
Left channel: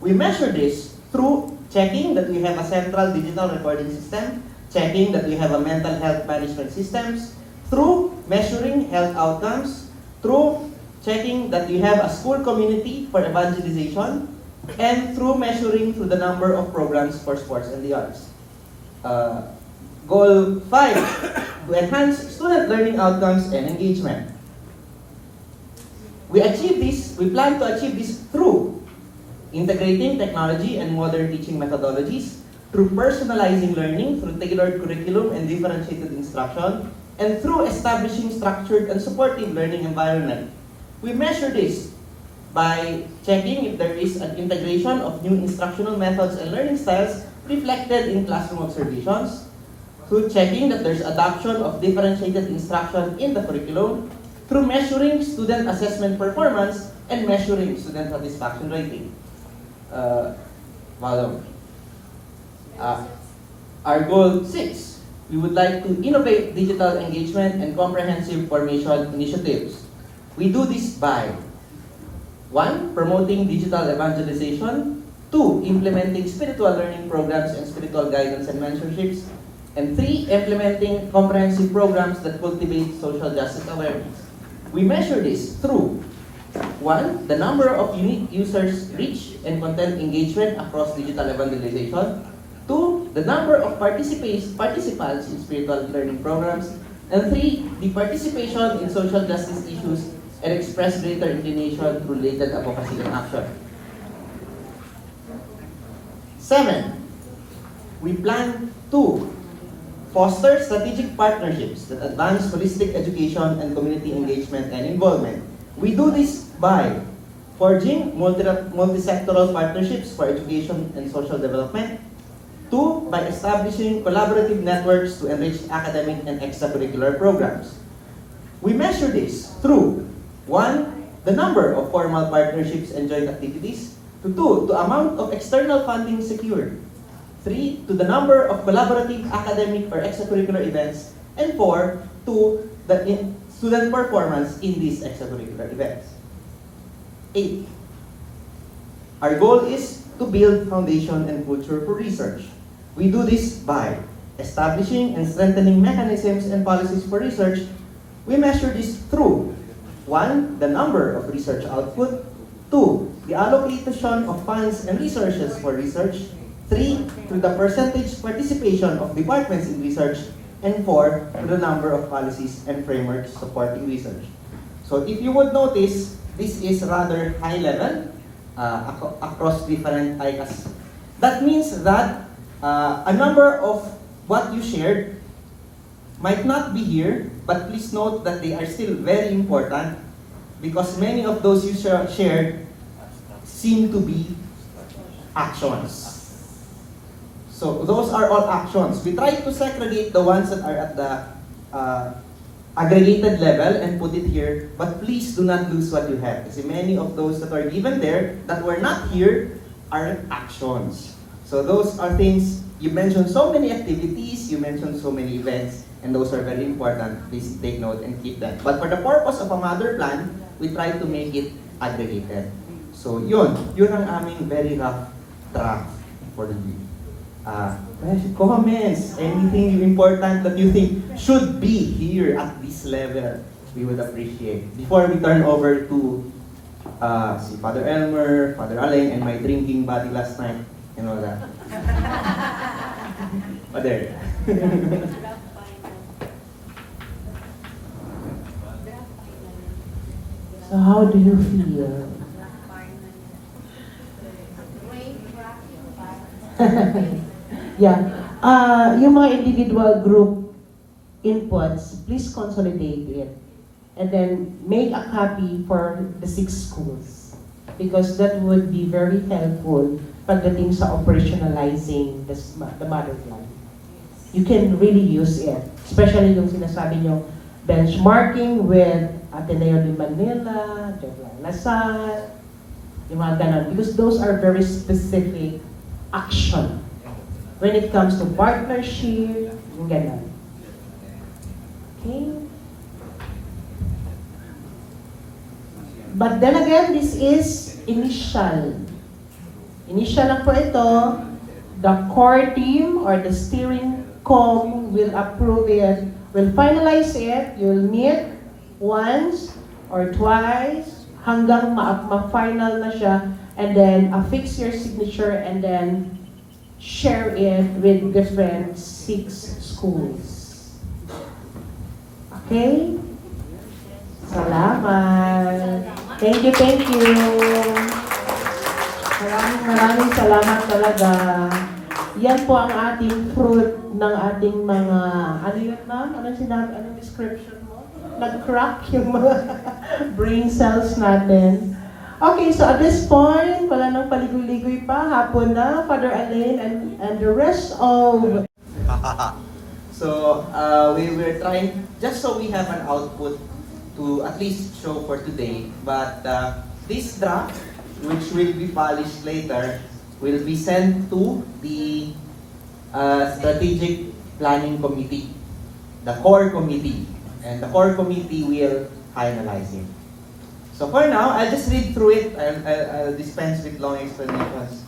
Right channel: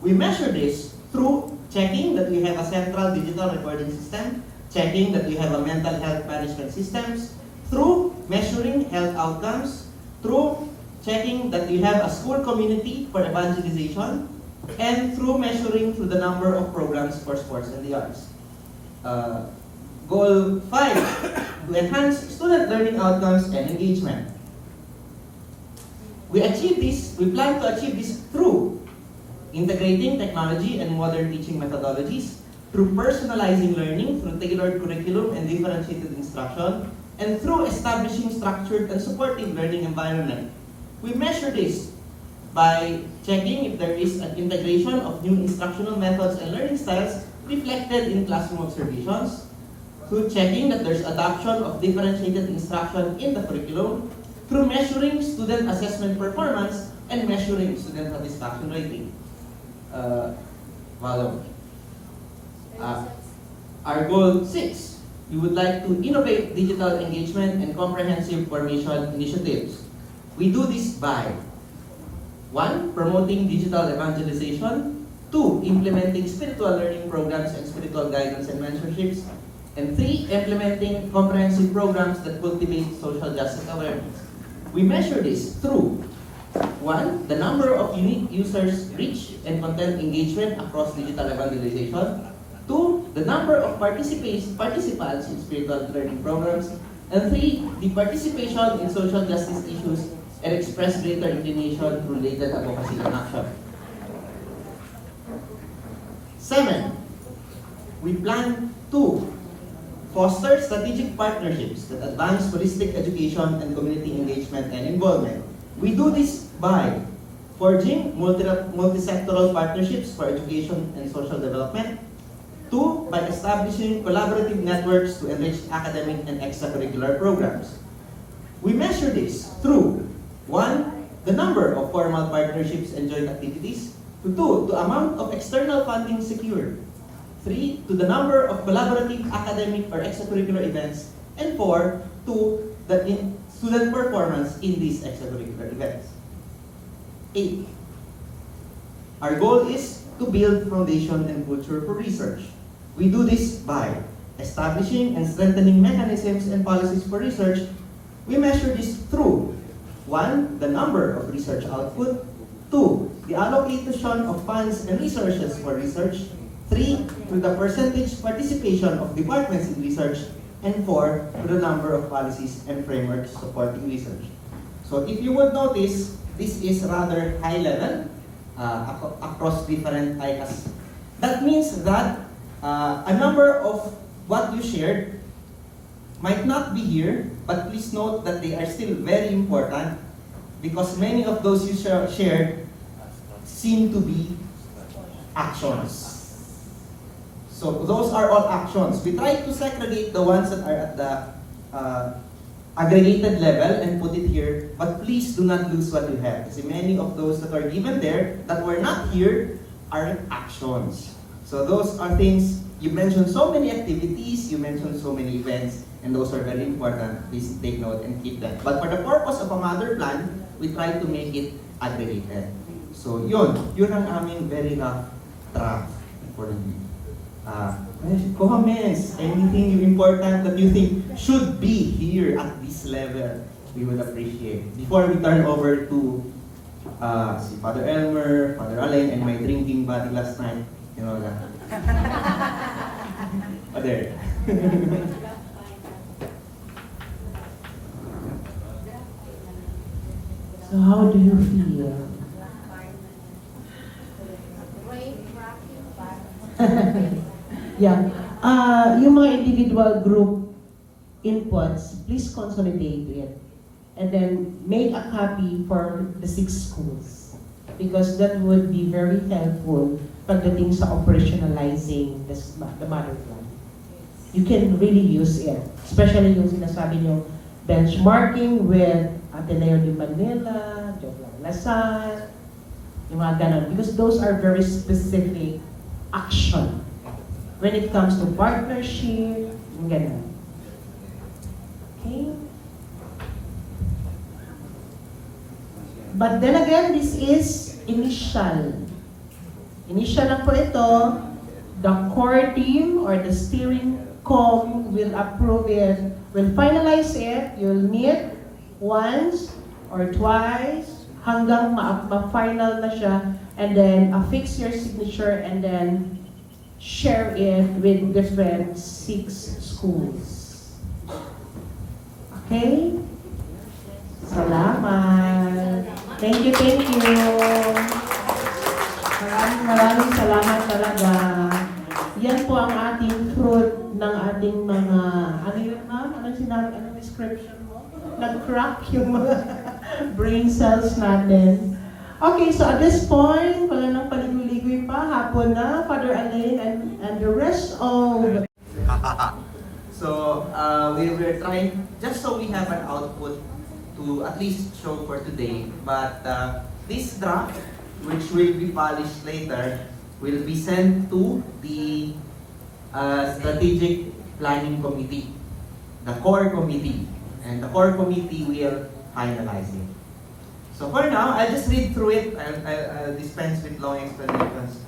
We measure this through checking that we have a central digital recording system, checking that we have a mental health management systems, through measuring health outcomes, through checking that we have a school community for evangelization, and through measuring through the number of programs for sports and the arts. Goal 5, to enhance student learning outcomes and engagement. We plan to achieve this through integrating technology and modern teaching methodologies, through personalizing learning, through tailored curriculum and differentiated instruction, and through establishing structured and supportive learning environment. We measure this by checking if there is an integration of new instructional methods and learning styles reflected in classroom observations, through checking that there's adoption of differentiated instruction in the curriculum, through measuring student assessment performance and measuring student satisfaction rating. Our goal 6, we would like to innovate digital engagement and comprehensive formation initiatives. We do this by 1, promoting digital evangelization, 2, implementing spiritual learning programs and spiritual guidance and mentorships, and 3, implementing comprehensive programs that cultivate social justice awareness. We measure this through 1, the number of unique users reach and content engagement across digital evangelization, 2, the number of participants in spiritual learning programs, and 3, the participation in social justice issues and express greater inclination through related advocacy and action. 7, we plan to foster strategic partnerships that advance holistic education and community engagement and involvement. We do this by forging multi-sectoral partnerships for education and social development. 2, by establishing collaborative networks to enrich academic and extracurricular programs. We measure this through 1, the number of formal partnerships and joint activities, 2, the amount of external funding secured, 3, to the number of collaborative academic or extracurricular events, and 4, to the student performance in these extracurricular events. 8, our goal is to build foundation and culture for research. We do this by establishing and strengthening mechanisms and policies for research. We measure this through 1, the number of research output, 2, the allocation of funds and resources for research, 3, through the percentage participation of departments in research, and 4, through the number of policies and frameworks supporting research. So if you would notice, this is rather high level across different ICAS. That means that a number of what you shared might not be here, but please note that they are still very important because many of those you shared seem to be actions. So those are all actions. We try to segregate the ones that are at the aggregated level and put it here, but please do not lose what you have. Because many of those that are given there that were not here are actions. So those are things, you mentioned so many activities, you mentioned so many events, And those are very important. Please take note and keep them. But for the purpose of a mother plan, we try to make it aggregated. So yun ang aming very rough draft for you. Comments, anything important that you think should be here at this level, we would appreciate. Before we turn over to si Father Elmer, Father Alain, and my drinking buddy last night, you know that. Oh, there. So how do you feel? Yeah. Yung mga individual group inputs, please consolidate it. And then make a copy for the 6 schools. Because that would be very helpful pagdating sa operationalizing the mother plan. You can really use it. Especially yung sinasabi nyo, benchmarking with Ateneo de Manila, Joglan Lasal, yung mga ganon. Because those are very specific action. When it comes to partnership, yung ganon. Okay? But then again, this is initial. Initial lang po ito. The core team or the steering com will approve it, will finalize it, you'll meet once or twice hanggang ma-final na siya, and then affix your signature and then share it with different 6 schools. Okay? Salamat. Thank you, thank you. Maraming salamat talaga. Yan po ang ating fruit ng ating mga, ano yun ma'am? Anong sinabi? Anong description mo? Nag-crack yung mga brain cells natin. Okay, so at this point, wala nang paligoy-ligoy pa. Hapon na, Father Alain and the rest of... So, we were trying, just so we have an output to at least show for today, but this draft, which will be polished later, will be sent to the Strategic Planning Committee, the core committee, and the core committee will finalize it. So for now, I'll just read through it. I'll dispense with long explanations.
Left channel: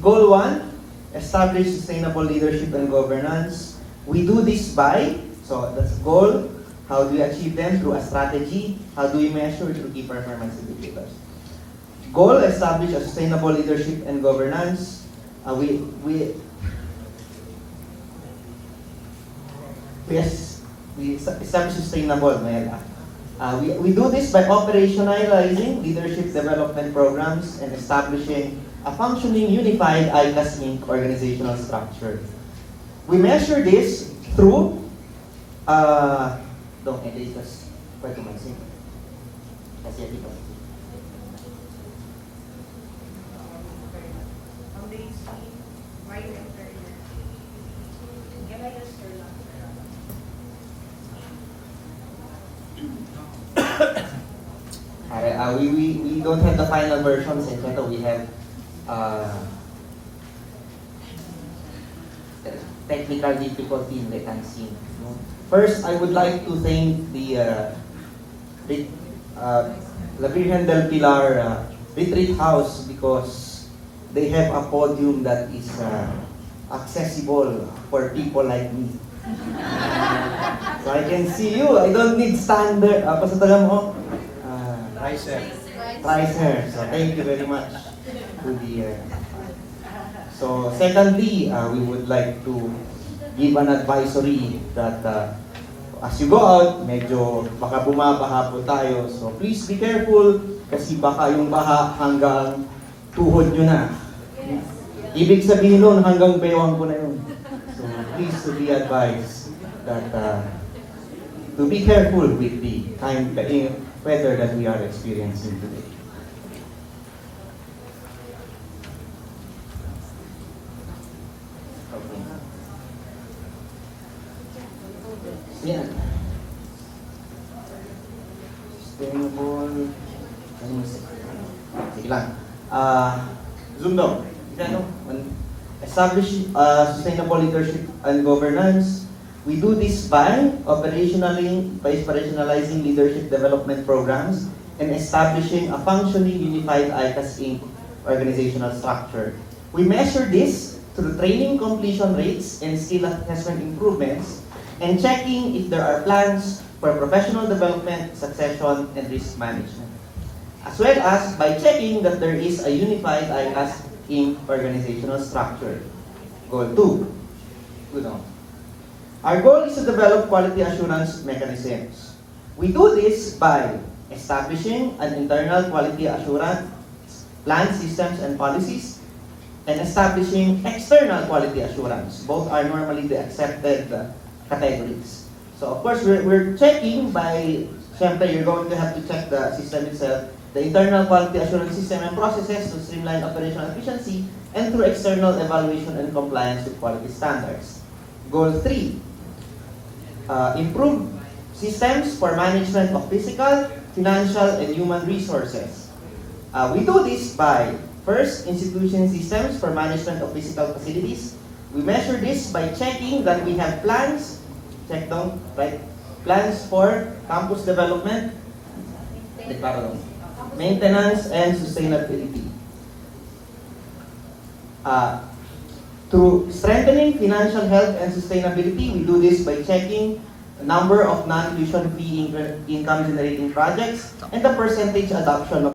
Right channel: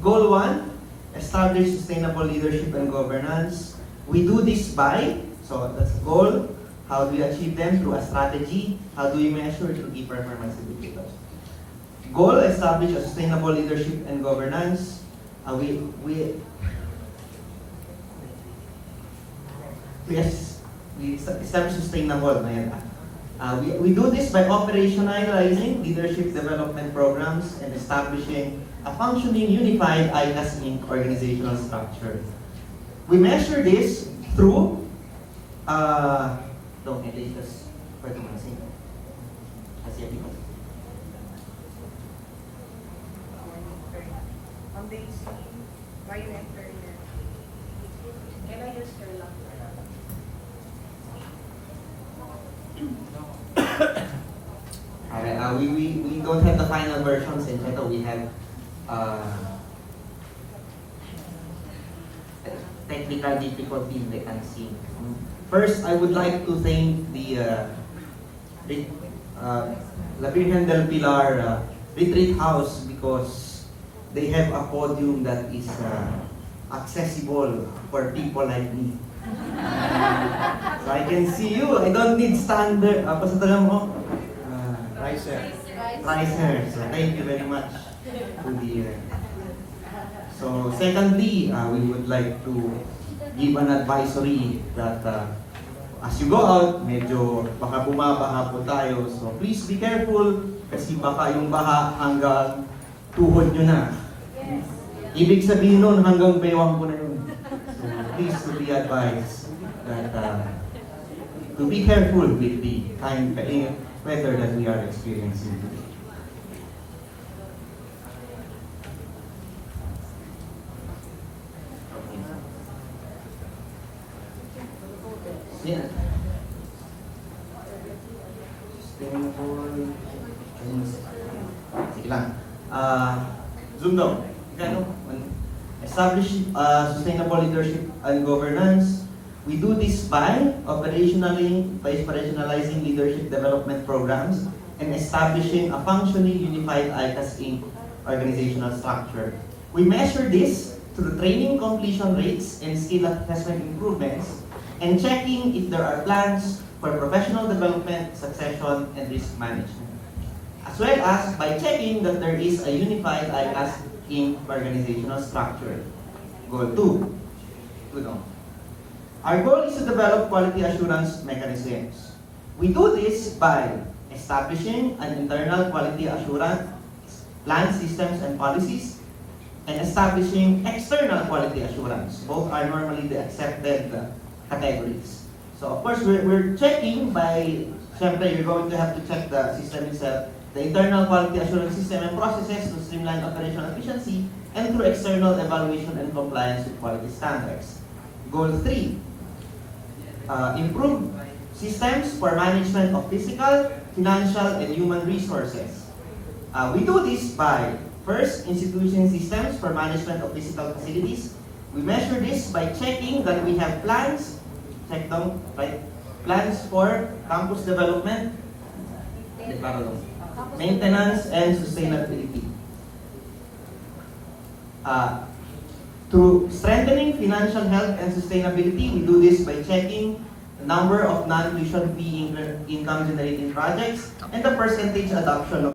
Goal 1, establish sustainable leadership and governance. We do this by, so that's goal. How do we achieve them? Through a strategy. How do we measure? Through key performance indicators. Goal, establish a sustainable leadership and governance. We establish sustainable. We do this by operationalizing leadership development programs and establishing a functioning, unified ICAS Inc. organizational structure. We measure this through we don't have the final versions, and we have technical difficulty in the unseen. First, I would like to thank the La Virgen del Pilar Retreat House because they have a podium that is accessible for people like me. So I can see you. I don't need standard. Apa sa tagal mo? Pricer. So thank you very much to the. So secondly, we would like to give an advisory that as you go out, medyo baka bumabaha po tayo. So please be careful kasi baka yung baha hanggang tuhod nyo na. Ibig sabihin nun hanggang bewang ko na yun. So please to be advised that to be careful with the time weather that we are experiencing today. Yeah. Sustainable. Sige lang. Zoom daw. Ano? establish sustainable leadership and governance. We do this by operationalizing leadership development programs and establishing a functionally unified ICAS Inc. organizational structure. We measure this through training completion rates and skill assessment improvements, and checking if there are plans for professional development, succession, and risk management. As well as by checking that there is a unified ICAS Inc. organizational structure. Goal 2. Good on. Our goal is to develop quality assurance mechanisms. We do this by establishing an internal quality assurance plan, systems, and policies, and establishing external quality assurance. Both are normally the accepted categories. So of course, we're checking by, syempre, you're going to have to check the system itself, the internal quality assurance system and processes to streamline operational efficiency, and through external evaluation and compliance with quality standards. Goal 3, improve systems for management of physical, financial, and human resources. We do this by, first, institution systems for management of physical facilities. We measure this by checking that we have plans, check down, right? Plans for campus development, maintenance, and sustainability. Through strengthening financial health and sustainability, we do this by checking the number of non-tuition fee income generating projects and the percentage adoption of